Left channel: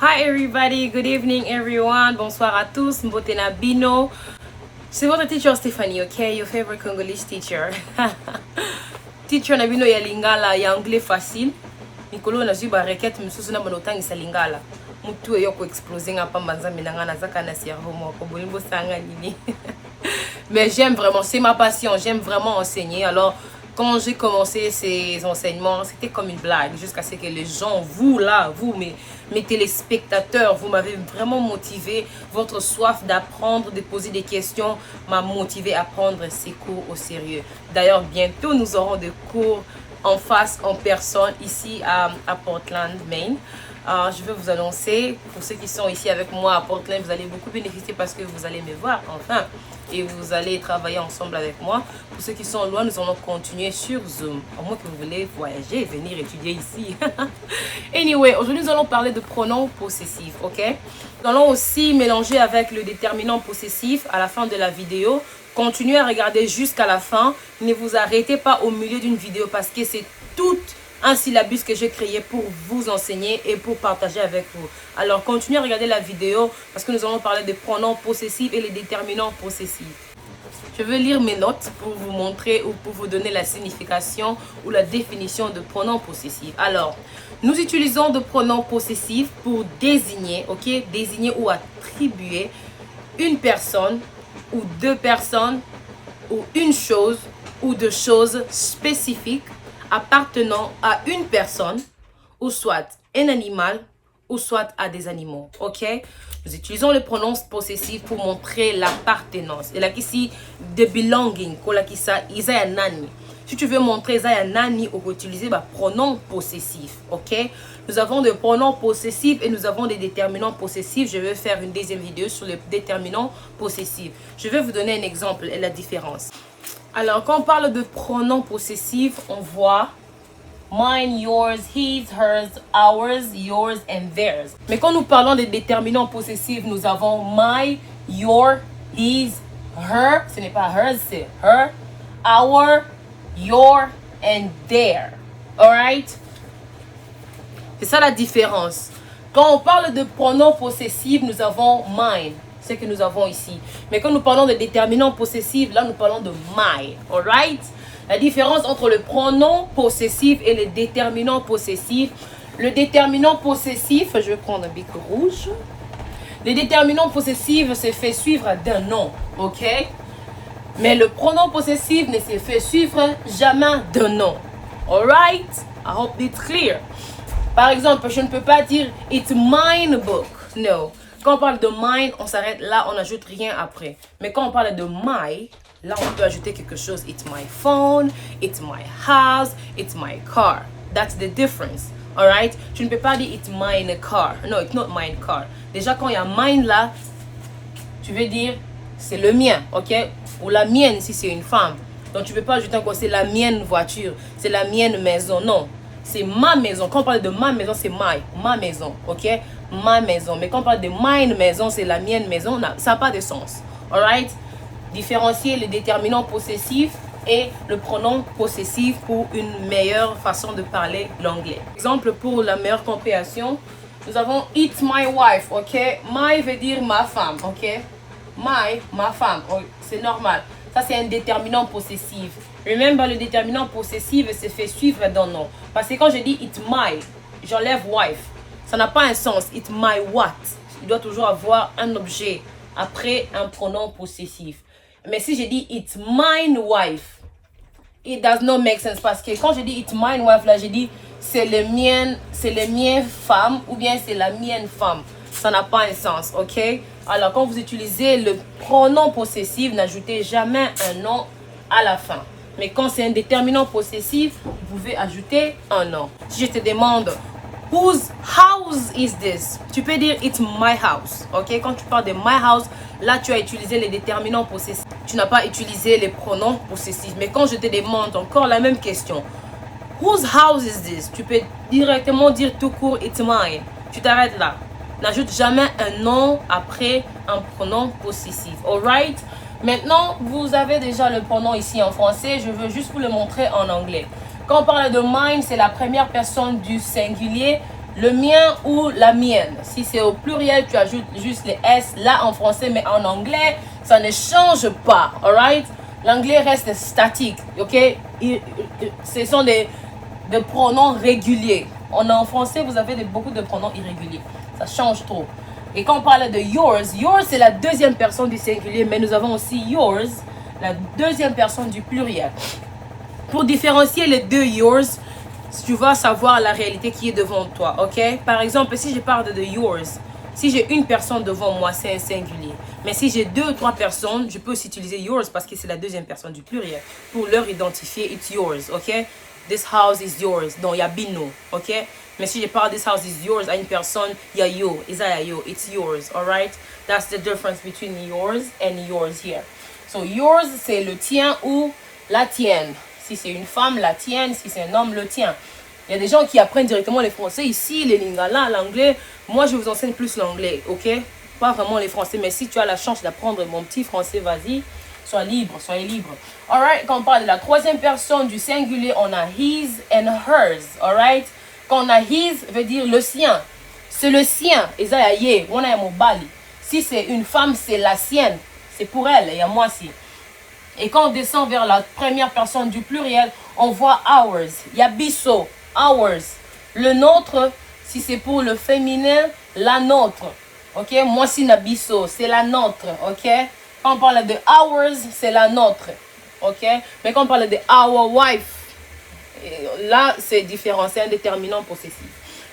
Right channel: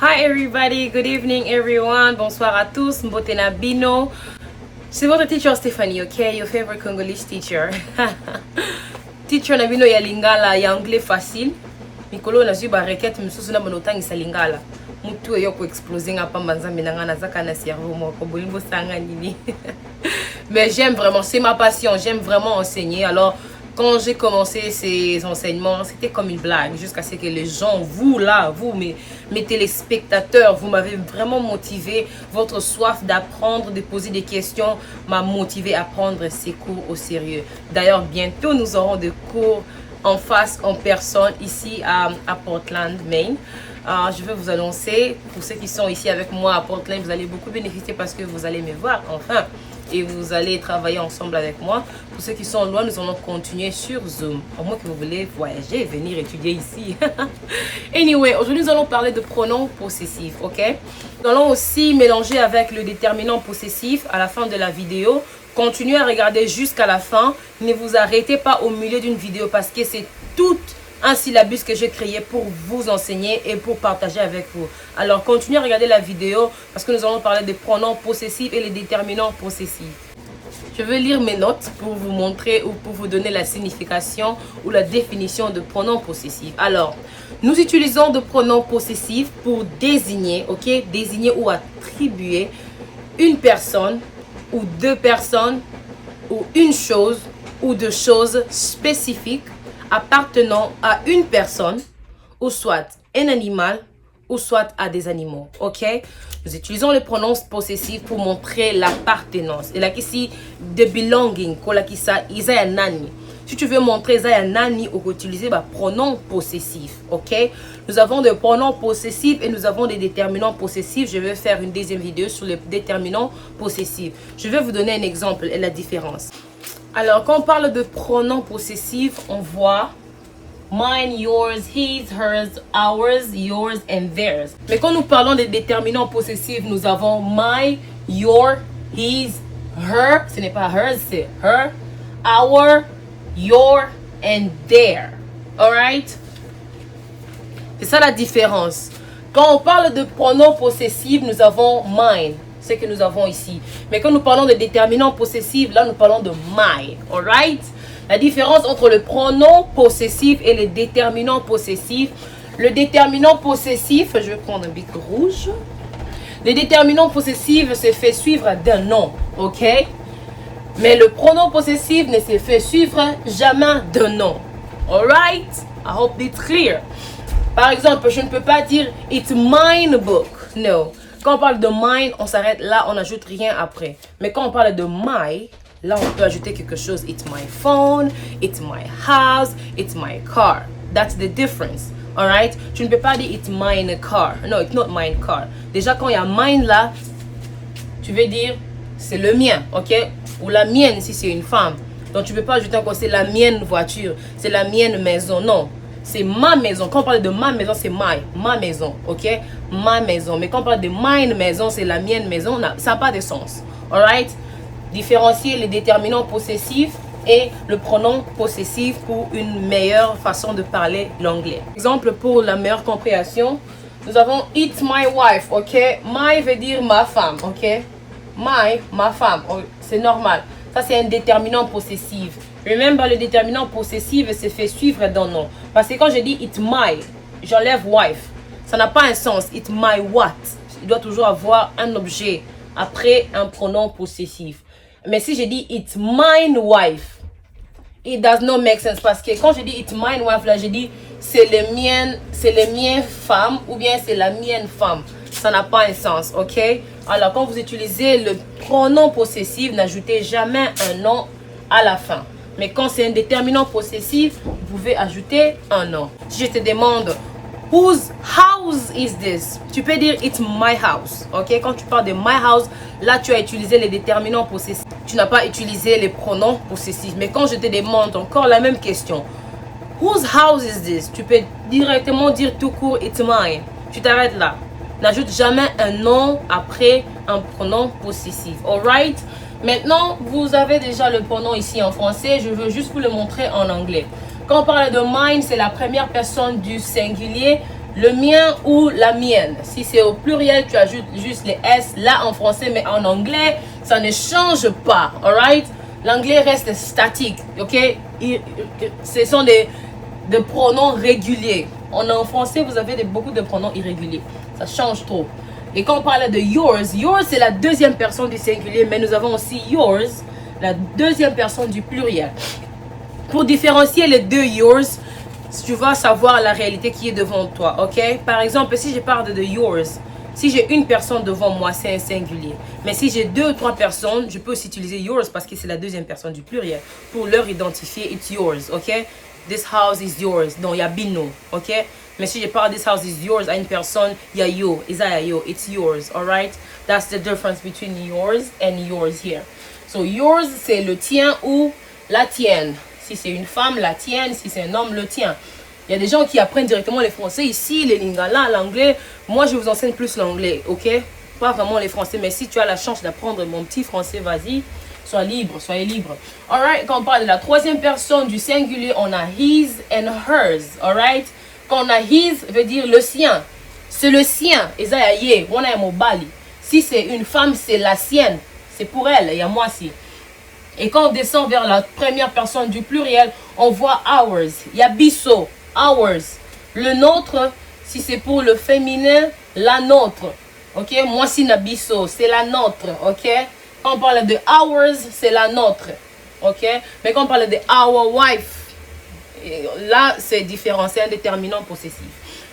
Hi everybody, good evening everyone, bonsoir à tous, Mbotena Bino. C'est votre teacher Stephanie, okay? Your favorite Congolese teacher. Teacher na bino ya lingala ya anglais facile. Mikolo na zuba requête misusu na bonotangisa lingala. Mutu yo ko exploser nga pa manzambe na nga na zaka na cerveau moko bolimbo sanga nini. Mais j'aime vraiment, c'est ma passion, j'aime vraiment enseigner. Alors quand j'ai commencé ces enseignements, c'était comme une blague, jusqu'à ce que les gens, vous là, vous, mes téléspectateurs, vous m'avez vraiment motivé. Votre soif d'apprendre, de poser des questions m'a motivé à prendre ces cours au sérieux. D'ailleurs, bientôt, nous aurons des cours en face, en personne, ici à Portland, Maine. Je vais vous annoncer, pour ceux qui sont ici avec moi à Portland, vous allez beaucoup bénéficier parce que vous allez me voir, enfin. Et vous allez travailler ensemble avec moi. Pour ceux qui sont loin, nous allons continuer sur Zoom. À moins que vous voulez voyager et venir étudier ici. Anyway, aujourd'hui, nous allons parler de pronoms possessifs, ok? Nous allons aussi mélanger avec le déterminant possessif à la fin de la vidéo. Continuez à regarder jusqu'à la fin. Ne vous arrêtez pas au milieu d'une vidéo parce que c'est tout un syllabus que j'ai créé pour vous enseigner et pour partager avec vous. Alors, continuez à regarder la vidéo parce que nous allons parler des pronoms possessifs et les déterminants possessifs. Je vais lire mes notes pour vous montrer ou pour vous donner la signification ou la définition de pronoms possessifs. Alors, nous utilisons de pronoms possessifs pour désigner, ok, désigner ou attribuer une personne ou deux personnes ou une chose ou deux choses spécifiques appartenant à une personne ou soit un animal ou soit à des animaux, ok? Nous utilisons les pronoms possessifs pour montrer l'appartenance. Et là, ici, the belonging, si tu veux montrer ça nani, on peut utiliser le pronom possessif, ok? Nous avons des pronoms possessifs et nous avons des déterminants possessifs. Je vais faire une deuxième vidéo sur les déterminants possessifs. Je vais vous donner un exemple et la différence. Alors, quand on parle de pronoms possessifs, on voit mine, yours, his, hers, ours, yours and theirs. Mais quand nous parlons des déterminants possessifs, nous avons my, your, his, her. Ce n'est pas hers, c'est her, our, your and their. Alright? C'est ça la différence. Quand on parle de pronoms possessifs, nous avons mine. Ce que nous avons ici. Mais quand nous parlons de déterminants possessifs, là nous parlons de my, alright? La différence entre le pronom possessif et le déterminant possessif. Le déterminant possessif, je vais prendre un bic rouge. Le déterminant possessif se fait suivre d'un nom, ok? Mais le pronom possessif ne se fait suivre jamais d'un nom, alright? I hope it's clear. Par exemple, je ne peux pas dire it's mine book, no. Quand on parle de mine, on s'arrête là, on n'ajoute rien après. Mais quand on parle de my, là on peut ajouter quelque chose. It's my phone, it's my house, it's my car. That's the difference. Alright? Tu ne peux pas dire it's mine car. No, it's not mine car. Déjà quand il y a mine là, tu veux dire c'est le mien, ok? Ou la mienne si c'est une femme. Donc tu ne peux pas ajouter encore c'est la mienne voiture, c'est la mienne maison. Non. C'est ma maison. Quand on parle de ma maison, c'est ma maison, ok? Ma maison. Mais quand on parle de mine maison, c'est la mienne maison. Ça n'a pas de sens. Alright? Différencier le déterminant possessif et le pronom possessif pour une meilleure façon de parler l'anglais. Exemple pour la meilleure compréhension, nous avons it's my wife, ok? My veut dire ma femme, ok? Ma femme, c'est normal. Ça, c'est un déterminant possessif. Remember, le déterminant possessif se fait suivre d'un nom. Parce que quand je dis it's my, j'enlève wife. Ça n'a pas un sens. It's my what. Il doit toujours avoir un objet après un pronom possessif. Mais si je dis it's mine wife, it does not make sense. Parce que quand je dis it's mine wife, là, je dis c'est le mien femme ou bien c'est la mienne femme. Ça n'a pas un sens, ok? Alors, quand vous utilisez le pronom possessif, n'ajoutez jamais un nom à la fin. Mais quand c'est un déterminant possessif, vous pouvez ajouter un nom. Si je te demande, whose house is this? Tu peux dire, it's my house. Ok? Quand tu parles de my house, là, tu as utilisé les déterminants possessifs. Tu n'as pas utilisé les pronoms possessifs. Mais quand je te demande encore la même question, whose house is this? Tu peux directement dire tout court, it's mine. Tu t'arrêtes là. N'ajoute jamais un nom après un pronom possessif. Alright? Maintenant, vous avez déjà le pronom ici en français. Je veux juste vous le montrer en anglais. Quand on parle de mine, c'est la première personne du singulier. le mien ou la mienne. Si c'est au pluriel, tu ajoutes juste les S là en français, mais en anglais, ça ne change pas. Alright? L'anglais reste statique. Ok? Ce sont des pronoms réguliers. En français, vous avez beaucoup de pronoms irréguliers. Ça change trop. Et quand on parle de yours, yours c'est la deuxième personne du singulier, mais nous avons aussi yours, la deuxième personne du pluriel. Pour différencier les deux yours, tu vas savoir la réalité qui est devant toi, ok? Par exemple, si je parle de yours, si j'ai une personne devant moi, c'est un singulier. Mais si j'ai 2 ou 3 personnes, je peux aussi utiliser yours parce que c'est la deuxième personne du pluriel. Pour leur identifier, it's yours, ok? This house is yours. Donc, il y a bino, ok? Mais si je parle this house is yours à une personne, il y a yo, yo, it's yours, alright? That's the difference between yours and yours here. So, yours, c'est le tien ou la tienne. Si c'est une femme, la tienne. Si c'est un homme, le tien. Il y a des gens qui apprennent directement les français ici, les lingala, l'anglais. Moi, je vous enseigne plus l'anglais, ok? Pas vraiment les français, mais si tu as la chance d'apprendre mon petit français, vas-y. Sois libre, soyez libre. Alright, quand on parle de la troisième personne du singulier, on a his and hers, alright? Quand on a his, veut dire le sien. C'est le sien. Si c'est une femme, c'est la sienne. C'est pour elle, il y a moi aussi. Et quand on descend vers la première personne du pluriel, on voit ours. Il y a biso, ours. Le nôtre, si c'est pour le féminin, la nôtre. Ok, moi si na biso, c'est la nôtre. Ok, quand on parle de ours, c'est la nôtre. Ok, mais quand on parle de our wife, là c'est différent, c'est un déterminant possessif.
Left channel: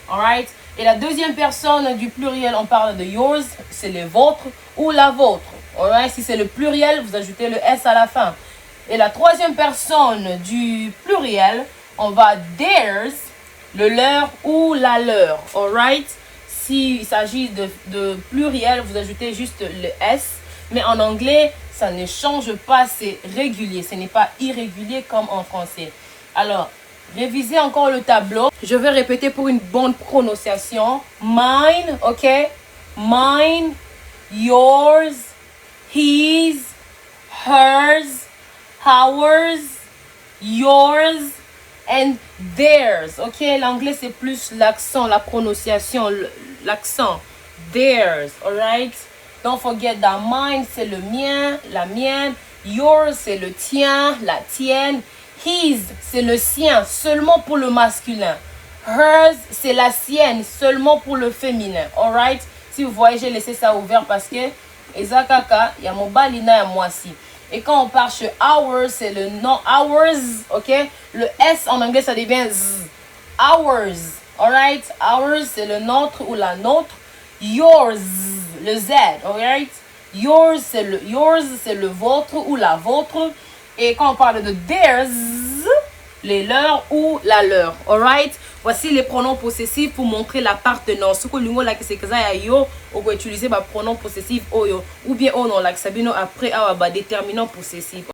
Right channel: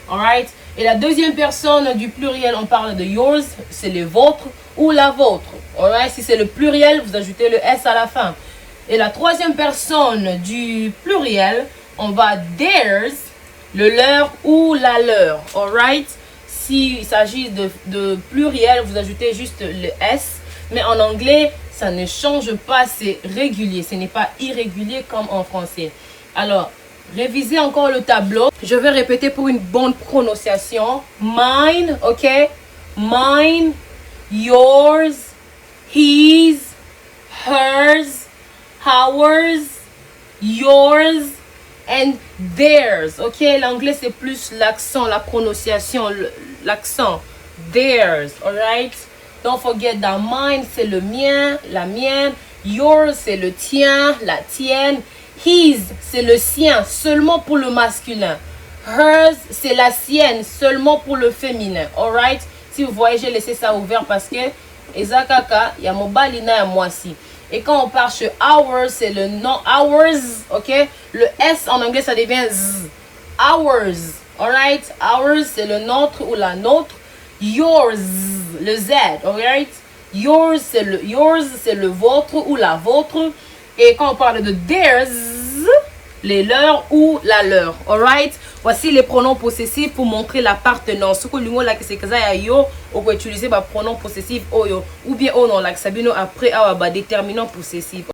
Alright. Et la deuxième personne du pluriel, on parle de yours, c'est le vôtre ou la vôtre. Alright. Si c'est le pluriel, vous ajoutez le S à la fin. Et la troisième personne du pluriel, on va theirs, le leur ou la leur. Alright. S'il s'agit de pluriel, vous ajoutez juste le S. Mais en anglais, ça ne change pas, c'est régulier. Ce n'est pas irrégulier comme en français. Alors, révisez encore le tableau. Je vais répéter pour une bonne prononciation. Mine, ok? Mine, yours, his, hers, ours, yours, and theirs. Ok? L'anglais, c'est plus l'accent, la prononciation, l'accent. Theirs, alright? Don't forget that mine, c'est le mien, la mienne. Yours, c'est le tien, la tienne. His, c'est le sien, seulement pour le masculin. Hers, c'est la sienne, seulement pour le féminin. Alright? Si vous voyez, j'ai laissé ça ouvert parce que Ezakaka, il y a mon balina et moi aussi. Et quand on part chez ours, c'est le nom ours, ok? Le S en anglais, ça devient Z. Ours, alright? Ours, c'est le nôtre ou la nôtre. Yours, le Z, alright? Yours, c'est le vôtre ou la vôtre. Et quand on parle de theirs, les leurs ou la leur. Alright? Voici les pronoms possessifs pour montrer l'appartenance. Ce que l'ungo là que c'est que ça yo, on peut utiliser le pronom possessif oyo ou bien oh non là que sabino après déterminant possessif.